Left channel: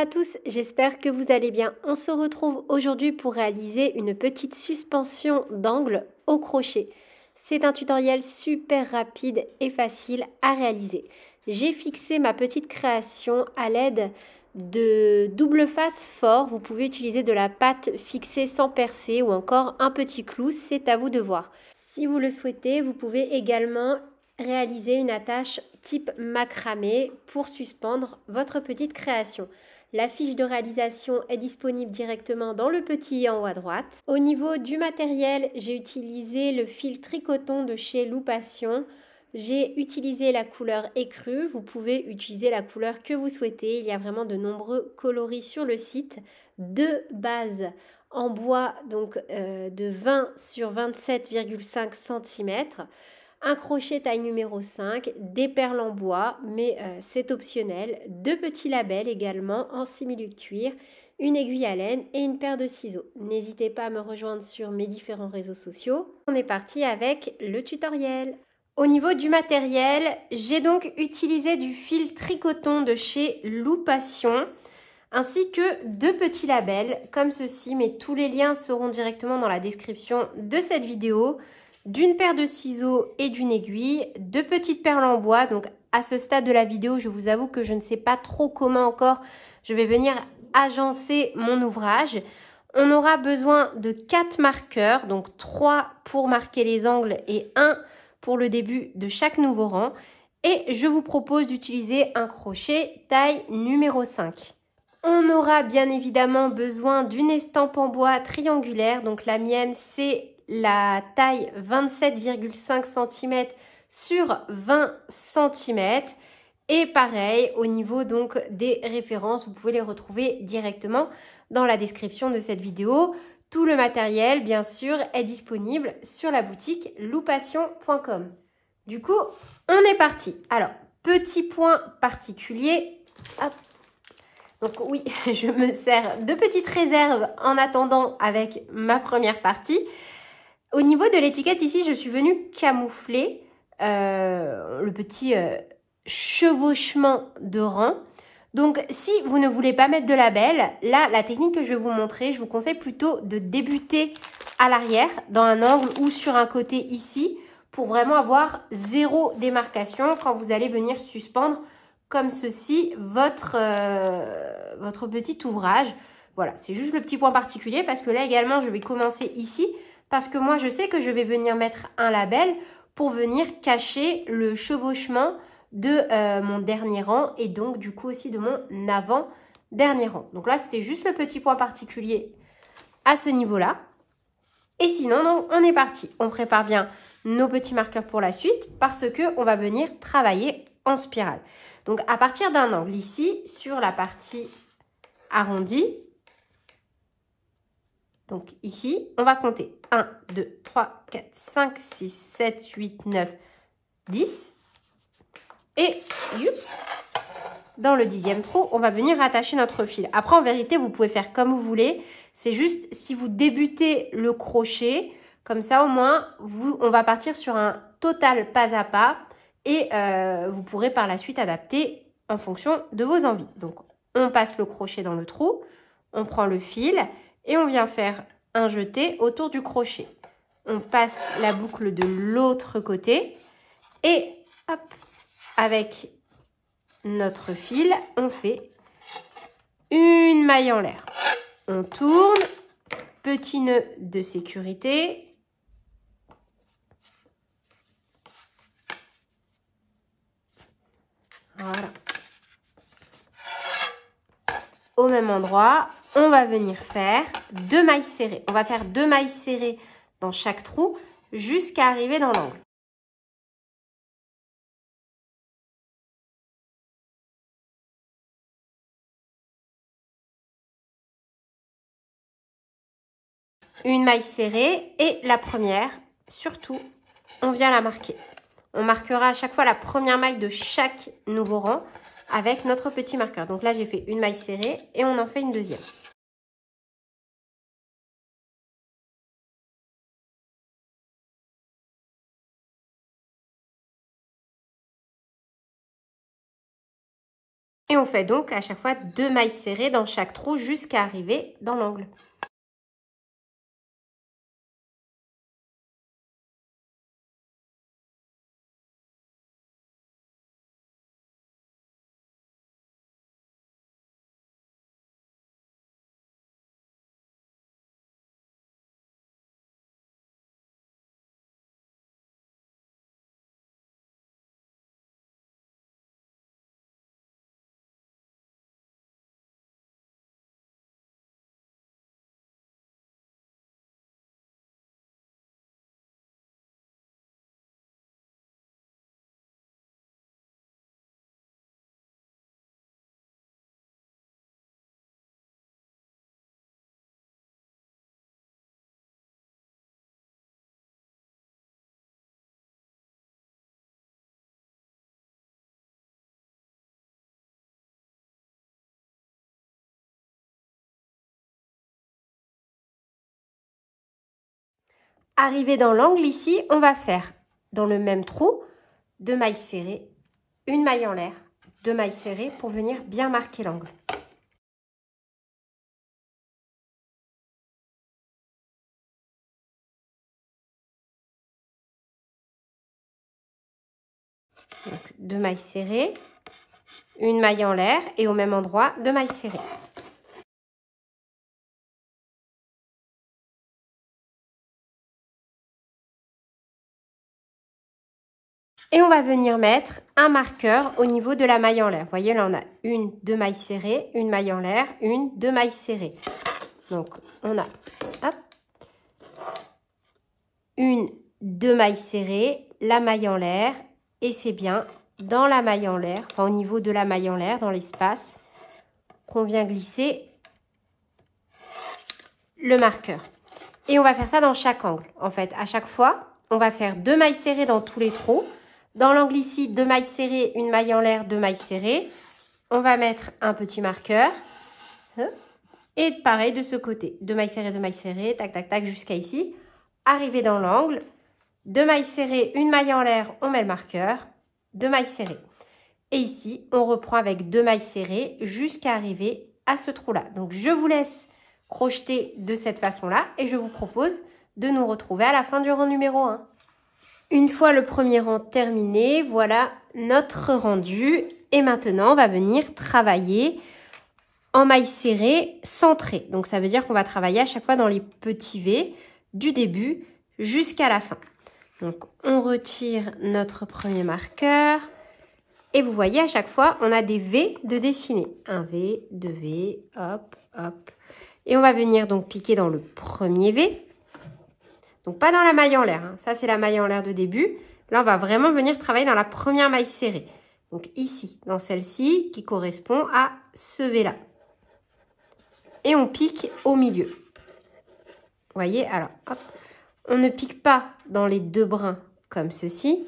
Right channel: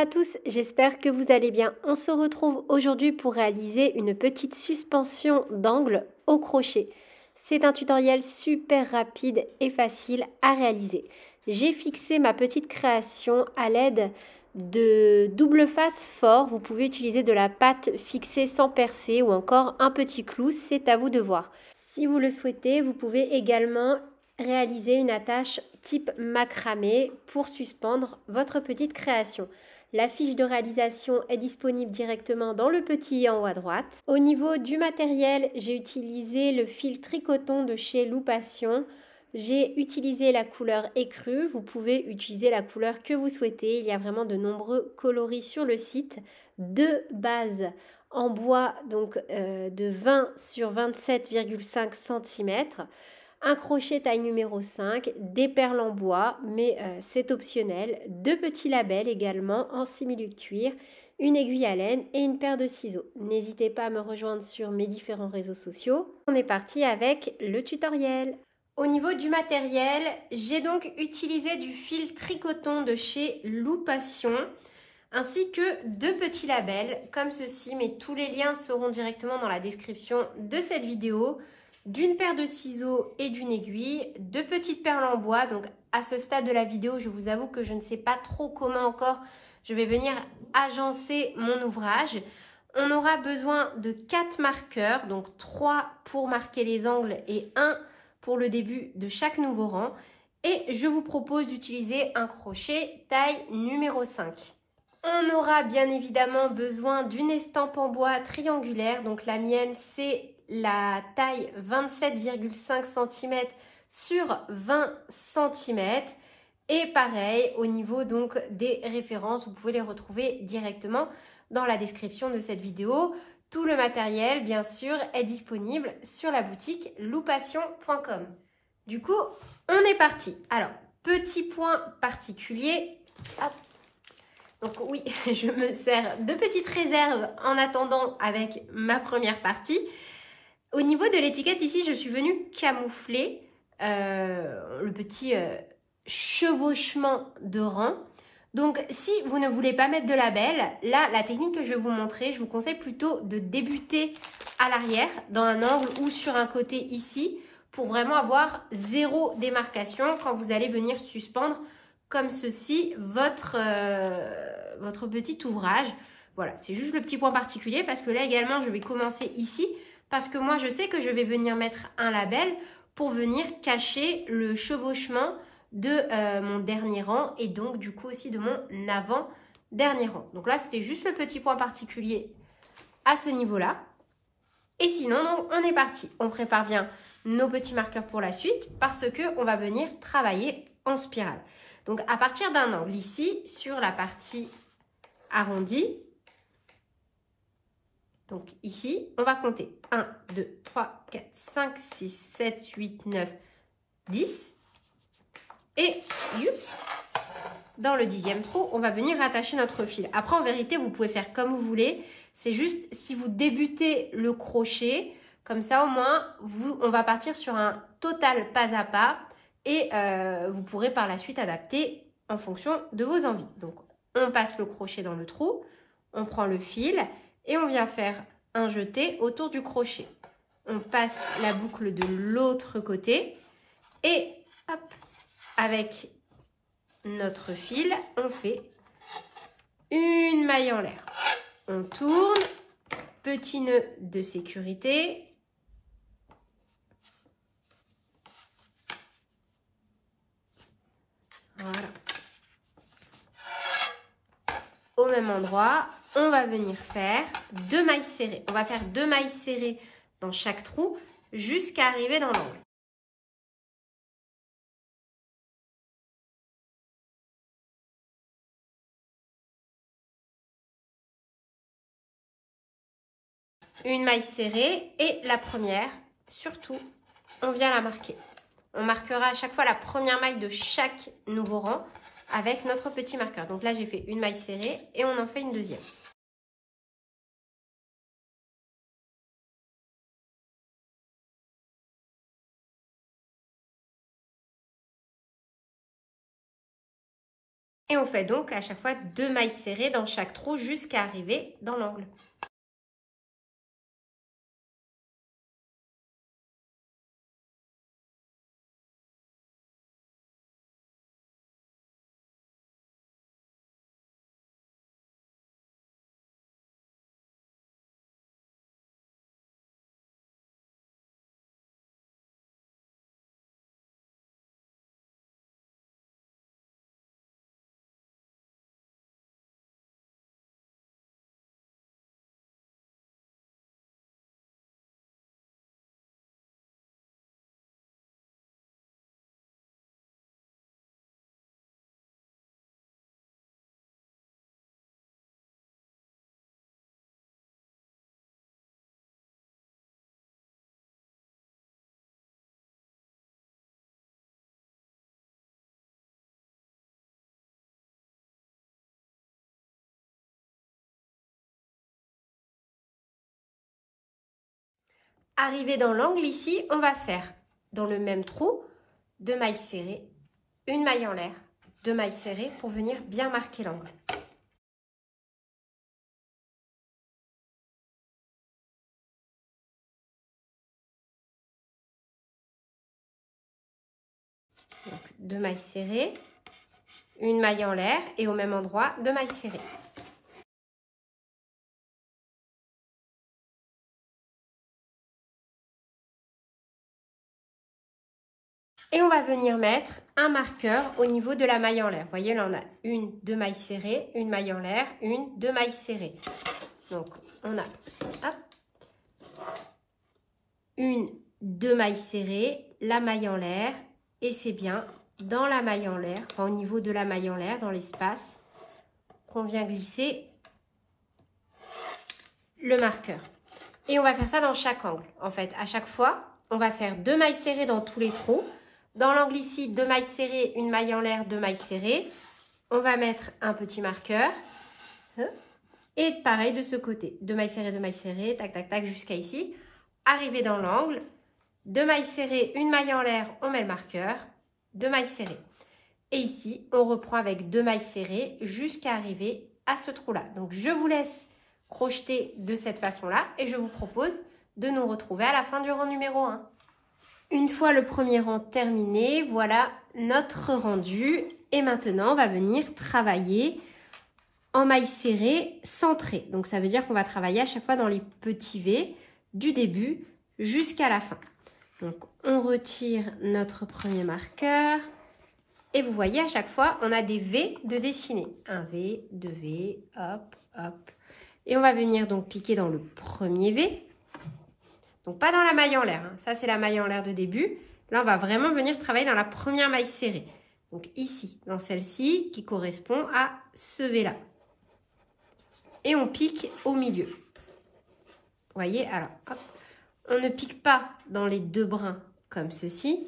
à tous, j'espère que vous allez bien. On se retrouve aujourd'hui pour réaliser une petite suspension d'angle au crochet. C'est un tutoriel super rapide et facile à réaliser. J'ai fixé ma petite création à l'aide de double face fort. Vous pouvez utiliser de la pâte fixée sans percer ou encore un petit clou, c'est à vous de voir. Si vous le souhaitez, vous pouvez également réaliser une attache type macramé pour suspendre votre petite création. La fiche de réalisation est disponible directement dans le petit i en haut à droite. Au niveau du matériel, j'ai utilisé le fil tricoton de chez Loupation. J'ai utilisé la couleur écrue. Vous pouvez utiliser la couleur que vous souhaitez. Il y a vraiment de nombreux coloris sur le site. Deux bases en bois donc de 20 sur 27,5 cm. Un crochet taille numéro 5, des perles en bois, mais c'est optionnel, deux petits labels également en simili de cuir, une aiguille à laine et une paire de ciseaux. N'hésitez pas à me rejoindre sur mes différents réseaux sociaux. On est parti avec le tutoriel. Au niveau du matériel, j'ai donc utilisé du fil tricoton de chez Loupation, ainsi que deux petits labels comme ceci, mais tous les liens seront directement dans la description de cette vidéo. D'une paire de ciseaux et d'une aiguille, deux petites perles en bois. Donc à ce stade de la vidéo, je vous avoue que je ne sais pas trop comment encore je vais venir agencer mon ouvrage. On aura besoin de 4 marqueurs, donc 3 pour marquer les angles et 1 pour le début de chaque nouveau rang. Et je vous propose d'utiliser un crochet taille numéro 5. On aura bien évidemment besoin d'une estampe en bois triangulaire. Donc la mienne, c'est la taille 27,5 cm sur 20 cm. Et pareil, au niveau donc des références, vous pouvez les retrouver directement dans la description de cette vidéo. Tout le matériel, bien sûr, est disponible sur la boutique loupation.com. Du coup, on est parti. Alors, petit point particulier. Hop. Donc oui, je me sers de petites réserves en attendant avec ma première partie. Au niveau de l'étiquette ici, je suis venue camoufler le petit chevauchement de rang. Donc si vous ne voulez pas mettre de label, là, la technique que je vais vous montrer, je vous conseille plutôt de débuter à l'arrière, dans un angle ou sur un côté ici, pour vraiment avoir zéro démarcation quand vous allez venir suspendre comme ceci votre petit ouvrage. Voilà, c'est juste le petit point particulier parce que là également, je vais commencer ici parce que moi, je sais que je vais venir mettre un label pour venir cacher le chevauchement de mon dernier rang et donc du coup aussi de mon avant-dernier rang. Donc là, c'était juste le petit point particulier à ce niveau-là. Et sinon, donc, on est parti. On prépare bien nos petits marqueurs pour la suite parce qu'on va venir travailler en spirale. Donc, à partir d'un angle ici, sur la partie arrondie, donc ici, on va compter 1, 2, 3, 4, 5, 6, 7, 8, 9, 10. Et dans le 10e trou, on va venir attacher notre fil. Après, en vérité, vous pouvez faire comme vous voulez. C'est juste si vous débutez le crochet, comme ça au moins, on va partir sur un total pas à pas. Et vous pourrez par la suite adapter en fonction de vos envies. Donc, on passe le crochet dans le trou, on prend le fil et on vient faire un jeté autour du crochet. On passe la boucle de l'autre côté et hop, avec notre fil, on fait une maille en l'air. On tourne, petit nœud de sécurité. Voilà. Au même endroit, on va venir faire 2 mailles serrées. On va faire 2 mailles serrées dans chaque trou jusqu'à arriver dans l'angle. Une maille serrée et la première, surtout, on vient la marquer. On marquera à chaque fois la première maille de chaque nouveau rang avec notre petit marqueur. Donc là, j'ai fait une maille serrée et on en fait une deuxième. Et on fait donc à chaque fois 2 mailles serrées dans chaque trou jusqu'à arriver dans l'angle. Arrivé dans l'angle ici, on va faire dans le même trou 2 mailles serrées, une maille en l'air, 2 mailles serrées pour venir bien marquer l'angle. Donc 2 mailles serrées, une maille en l'air et au même endroit 2 mailles serrées. Et on va venir mettre un marqueur au niveau de la maille en l'air. Vous voyez, là, on a 1, 2 mailles serrées, une maille en l'air, 1, 2 mailles serrées. Donc, on a 1, 2 mailles serrées, la maille en l'air, et c'est bien dans la maille en l'air, enfin, au niveau de la maille en l'air, dans l'espace, qu'on vient glisser le marqueur. Et on va faire ça dans chaque angle. En fait, à chaque fois, on va faire 2 mailles serrées dans tous les trous. Dans l'angle ici, 2 mailles serrées, une maille en l'air, 2 mailles serrées. On va mettre un petit marqueur. Et pareil de ce côté. 2 mailles serrées, tac, tac, tac, jusqu'à ici. Arrivé dans l'angle, 2 mailles serrées, une maille en l'air, on met le marqueur. 2 mailles serrées. Et ici, on reprend avec 2 mailles serrées jusqu'à arriver à ce trou-là. Donc, je vous laisse crocheter de cette façon-là et je vous propose de nous retrouver à la fin du rang numéro 1. Une fois le premier rang terminé, voilà notre rendu. Et maintenant, on va venir travailler en mailles serrées centrées. Donc, ça veut dire qu'on va travailler à chaque fois dans les petits V du début jusqu'à la fin. Donc, on retire notre premier marqueur. Et vous voyez, à chaque fois, on a des V de dessiner. Un V, 2 V, hop, hop. Et on va venir donc piquer dans le premier V. Donc, pas dans la maille en l'air. Hein. Ça, c'est la maille en l'air de début. Là, on va vraiment venir travailler dans la première maille serrée. Donc, ici, dans celle-ci, qui correspond à ce V-là. Et on pique au milieu. Vous voyez, alors, hop. On ne pique pas dans les 2 brins comme ceci.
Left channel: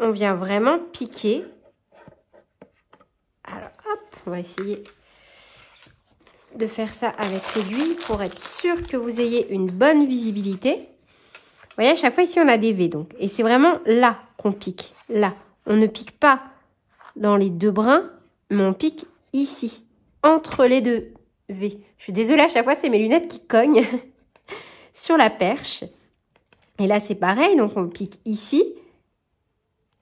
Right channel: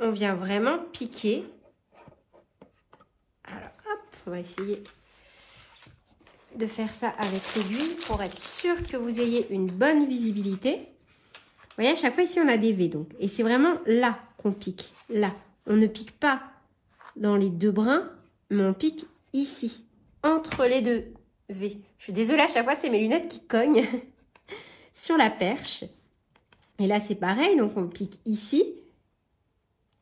On vient vraiment piquer. Alors, hop, on va essayer de faire ça avec l'aiguille pour être sûr que vous ayez une bonne visibilité. Vous voyez, à chaque fois ici, on a des V. Donc, et c'est vraiment là qu'on pique. Là. On ne pique pas dans les 2 brins, mais on pique ici, entre les 2 V. Je suis désolée, à chaque fois, c'est mes lunettes qui cognent sur la perche. Et là, c'est pareil. Donc, on pique ici.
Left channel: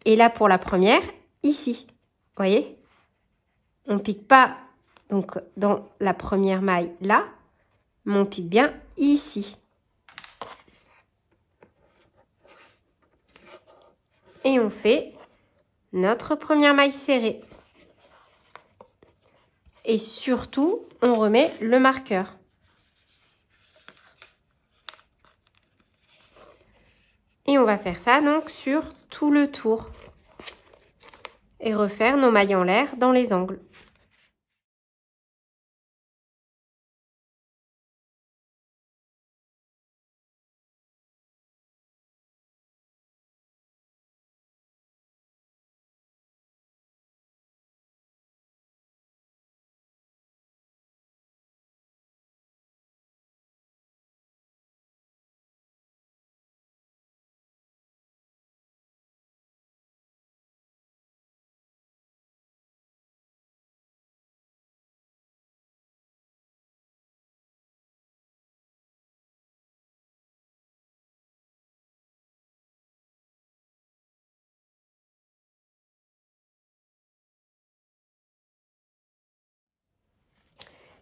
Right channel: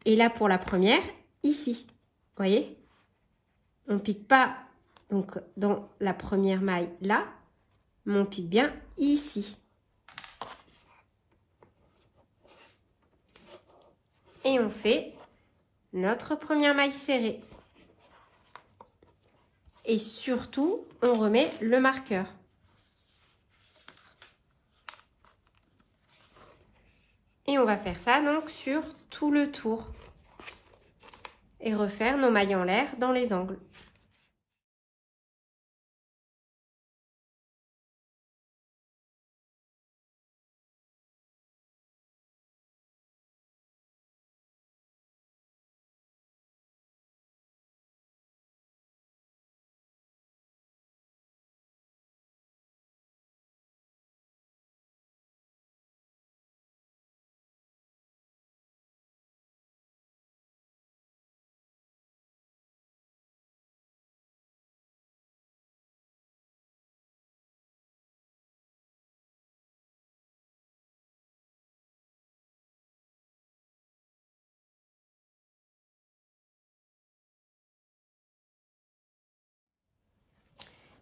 Et là, pour la première, ici. Vous voyez? On ne pique pas donc, dans la première maille là, mais on pique bien ici. Et on fait notre première maille serrée. Et surtout, on remet le marqueur. Et on va faire ça donc sur tout le tour. Et refaire nos mailles en l'air dans les angles.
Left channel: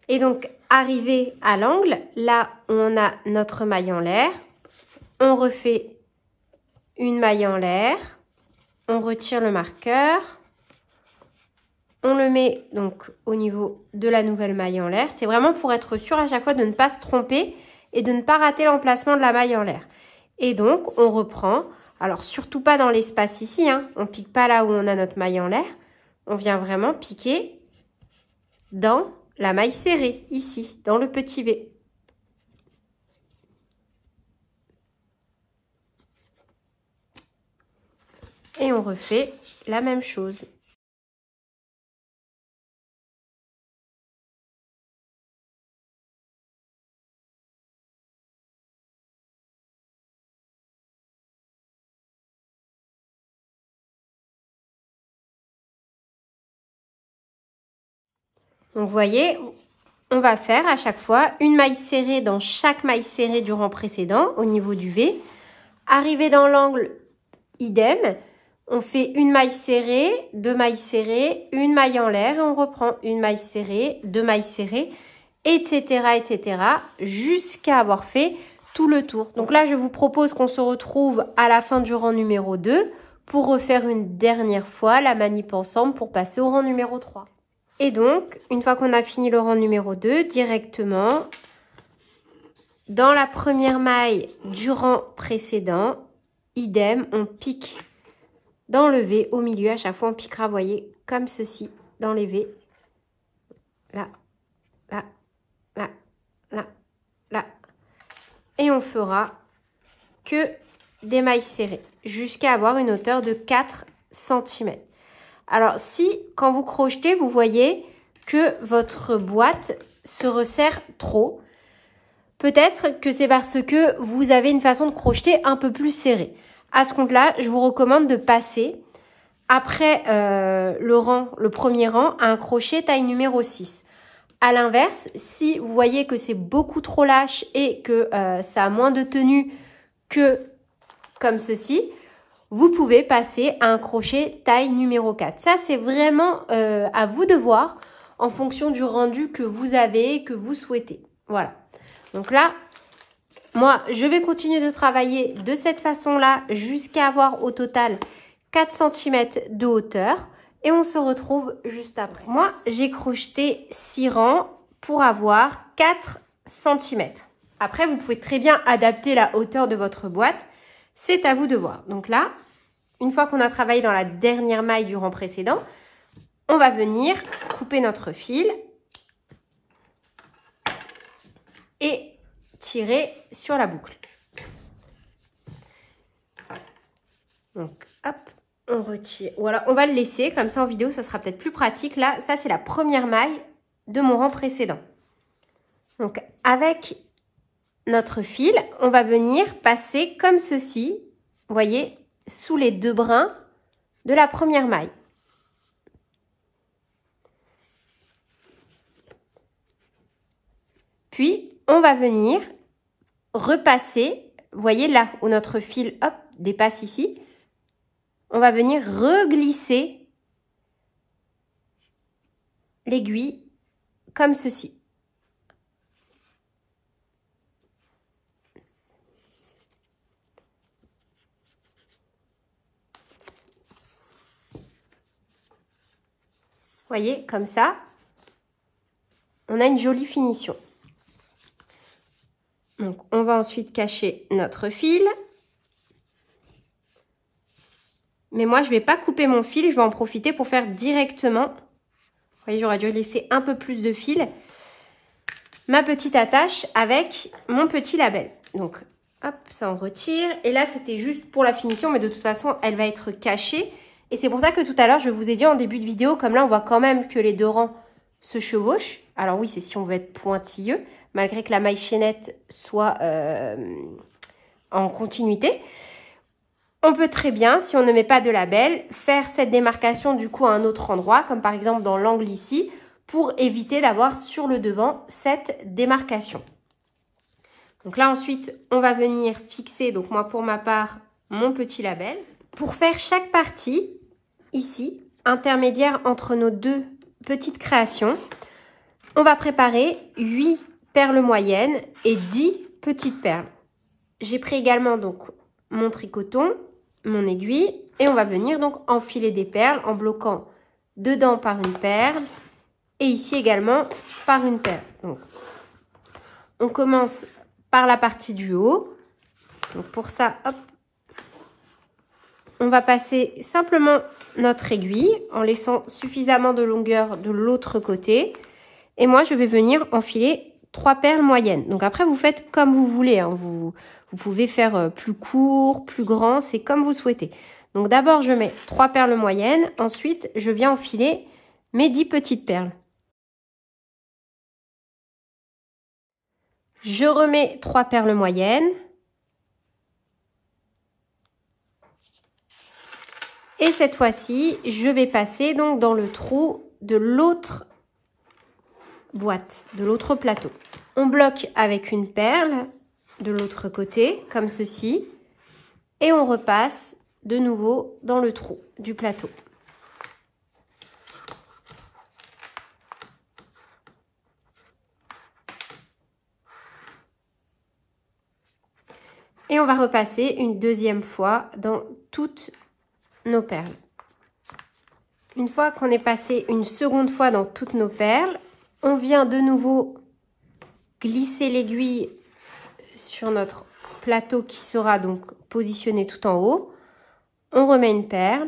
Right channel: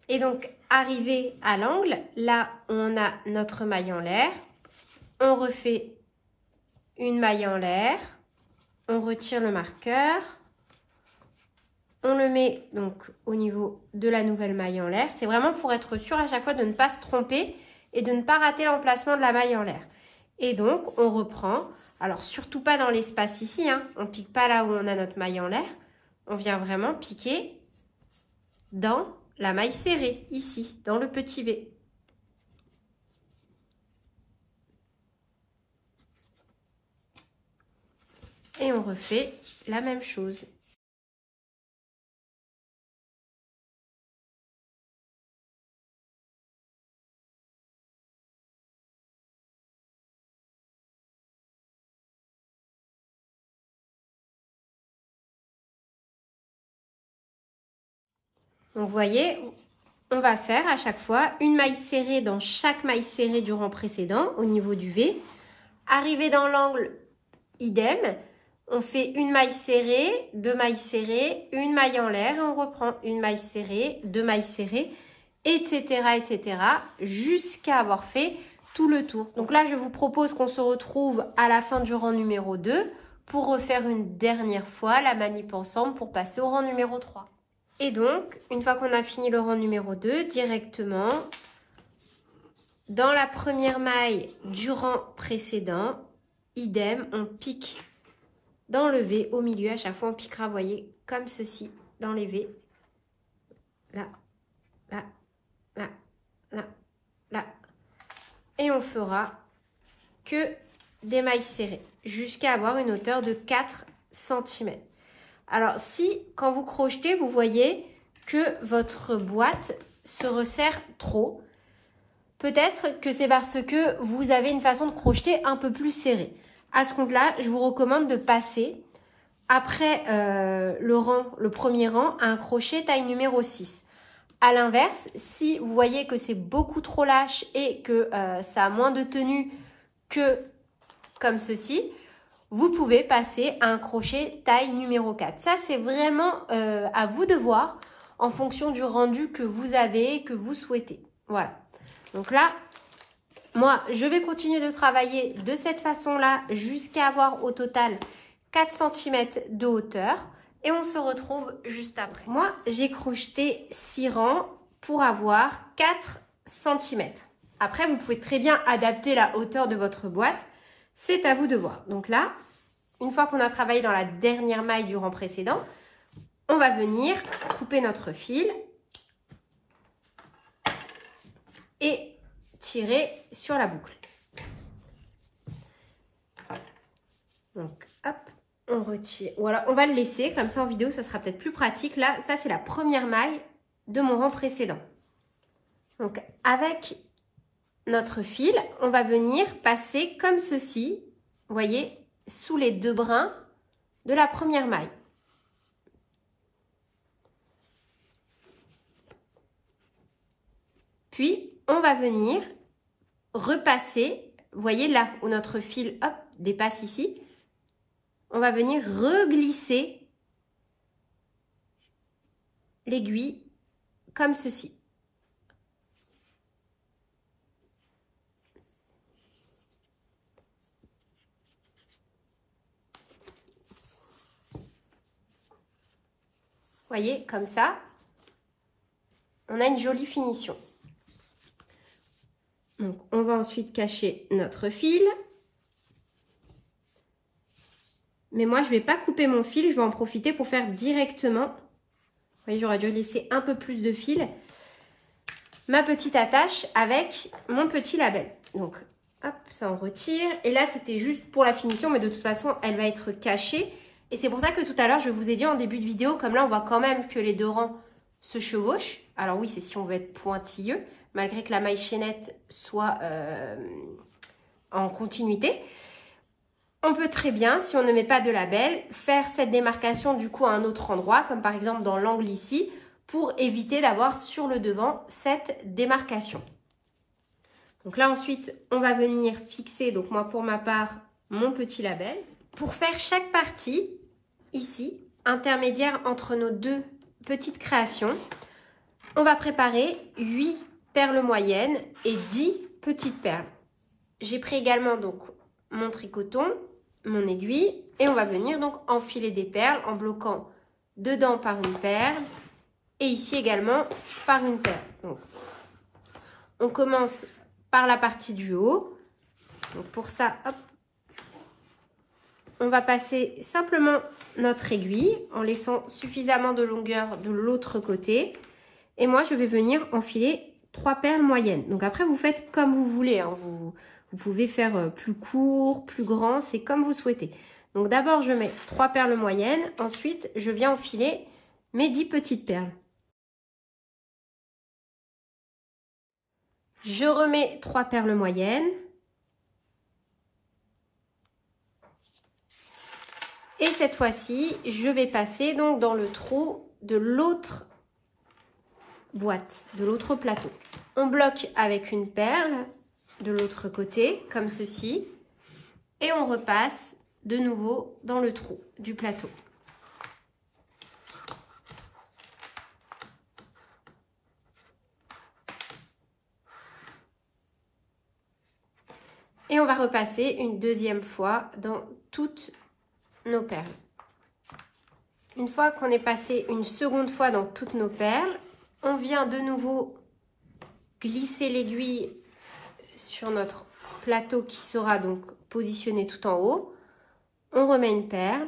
Et donc, arrivé à l'angle, là, on a notre maille en l'air. On refait une maille en l'air. On retire le marqueur. On le met donc au niveau de la nouvelle maille en l'air. C'est vraiment pour être sûr à chaque fois de ne pas se tromper et de ne pas rater l'emplacement de la maille en l'air. Et donc, on reprend. Alors, surtout pas dans l'espace ici, hein. On ne pique pas là où on a notre maille en l'air. On vient vraiment piquer dans la maille serrée, ici, dans le petit V. Et on refait la même chose. Donc, vous voyez, on va faire à chaque fois une maille serrée dans chaque maille serrée du rang précédent au niveau du V. Arrivé dans l'angle, idem. On fait une maille serrée, deux mailles serrées, une maille en l'air et on reprend une maille serrée, deux mailles serrées, etc., etc., jusqu'à avoir fait tout le tour. Donc là, je vous propose qu'on se retrouve à la fin du rang numéro 2 pour refaire une dernière fois la manip ensemble pour passer au rang numéro 3. Et donc, une fois qu'on a fini le rang numéro 2, directement, dans la première maille du rang précédent, idem, on pique dans le V au milieu. À chaque fois, on piquera, vous voyez, comme ceci, dans les V. Là, là, là, là, là. Et on fera que des mailles serrées jusqu'à avoir une hauteur de 4 cm. Alors, si, quand vous crochetez, vous voyez que votre boîte se resserre trop, peut-être que c'est parce que vous avez une façon de crocheter un peu plus serrée. À ce compte-là, je vous recommande de passer après le premier rang à un crochet taille numéro 6. À l'inverse, si vous voyez que c'est beaucoup trop lâche et que ça a moins de tenue que comme ceci, vous pouvez passer à un crochet taille numéro 4. Ça, c'est vraiment à vous de voir en fonction du rendu que vous avez, que vous souhaitez. Voilà. Donc là, moi, je vais continuer de travailler de cette façon-là jusqu'à avoir au total 4 cm de hauteur. Et on se retrouve juste après. Moi, j'ai crocheté 6 rangs pour avoir 4 cm. Après, vous pouvez très bien adapter la hauteur de votre boîte. C'est à vous de voir. Donc là, une fois qu'on a travaillé dans la dernière maille du rang précédent, on va venir couper notre fil et tirer sur la boucle. Donc, hop, on retire. Voilà, on va le laisser. Comme ça, en vidéo, ça sera peut-être plus pratique. Là, ça, c'est la première maille de mon rang précédent. Donc, avec notre fil, on va venir passer comme ceci, vous voyez, sous les deux brins de la première maille. Puis, on va venir repasser, vous voyez là où notre fil, hop, dépasse ici, on va venir reglisser l'aiguille comme ceci. Vous voyez, comme ça, on a une jolie finition. Donc, on va ensuite cacher notre fil. Mais moi, je ne vais pas couper mon fil, je vais en profiter pour faire directement. Vous voyez, j'aurais dû laisser un peu plus de fil. Ma petite attache avec mon petit label. Donc, hop, ça on retire. Et là, c'était juste pour la finition, mais de toute façon, elle va être cachée. Et c'est pour ça que tout à l'heure, je vous ai dit en début de vidéo, comme là, on voit quand même que les deux rangs se chevauchent. Alors oui, c'est si on veut être pointilleux, malgré que la maille chaînette soit en continuité. On peut très bien, si on ne met pas de label, faire cette démarcation du coup à un autre endroit, comme par exemple dans l'angle ici, pour éviter d'avoir sur le devant cette démarcation. Donc là ensuite, on va venir fixer, donc moi pour ma part, mon petit label. Pour faire chaque partie, ici, intermédiaire entre nos deux petites créations, On va préparer 8 perles moyennes et 10 petites perles. J'ai pris également donc mon tricoton, mon aiguille et on va venir donc enfiler des perles en bloquant dedans par une perle et ici également par une perle. Donc, on commence par la partie du haut. Donc pour ça, hop, on va passer simplement notre aiguille en laissant suffisamment de longueur de l'autre côté. Et moi, je vais venir enfiler 3 perles moyennes. Donc après, vous faites comme vous voulez, hein. Vous pouvez faire plus court, plus grand, c'est comme vous souhaitez. Donc d'abord, je mets 3 perles moyennes. Ensuite, je viens enfiler mes 10 petites perles. Je remets 3 perles moyennes. Et cette fois-ci, je vais passer donc dans le trou de l'autre boîte, de l'autre plateau. On bloque avec une perle de l'autre côté, comme ceci. Et on repasse de nouveau dans le trou du plateau. Et on va repasser une deuxième fois dans toutes nos perles. Une fois qu'on est passé une seconde fois dans toutes nos perles, on vient de nouveau glisser l'aiguille sur notre plateau qui sera donc positionné tout en haut. On remet une perle,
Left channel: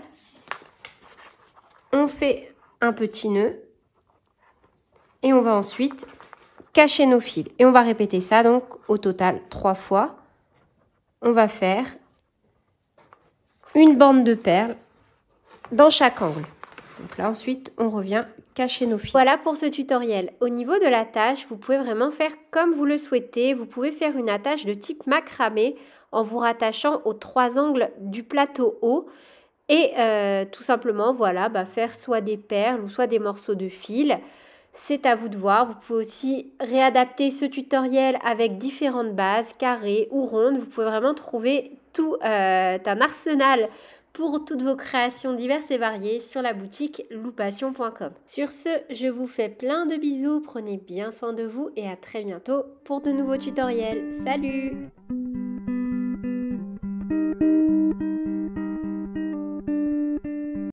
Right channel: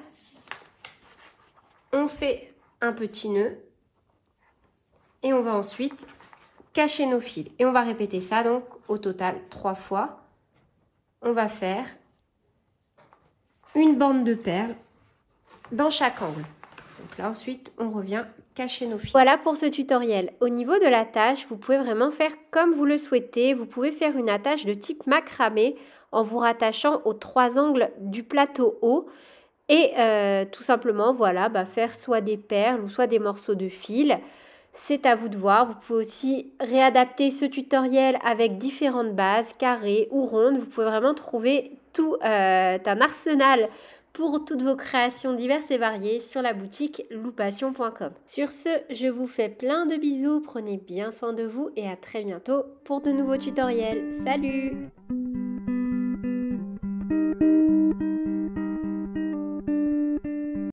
on fait un petit nœud et on va ensuite cacher nos fils. Et on va répéter ça donc au total 3 fois. On va faire une bande de perles dans chaque angle. Donc là ensuite on revient cacher nos fils. Voilà pour ce tutoriel. Au niveau de l'attache, vous pouvez vraiment faire comme vous le souhaitez. Vous pouvez faire une attache de type macramé en vous rattachant aux 3 angles du plateau haut et tout simplement voilà, faire soit des perles ou soit des morceaux de fil. C'est à vous de voir. Vous pouvez aussi réadapter ce tutoriel avec différentes bases, carrées ou rondes. Vous pouvez vraiment trouver tout un arsenal pour toutes vos créations diverses et variées sur la boutique loupassion.com. Sur ce, je vous fais plein de bisous, prenez bien soin de vous et à très bientôt pour de nouveaux tutoriels. Salut!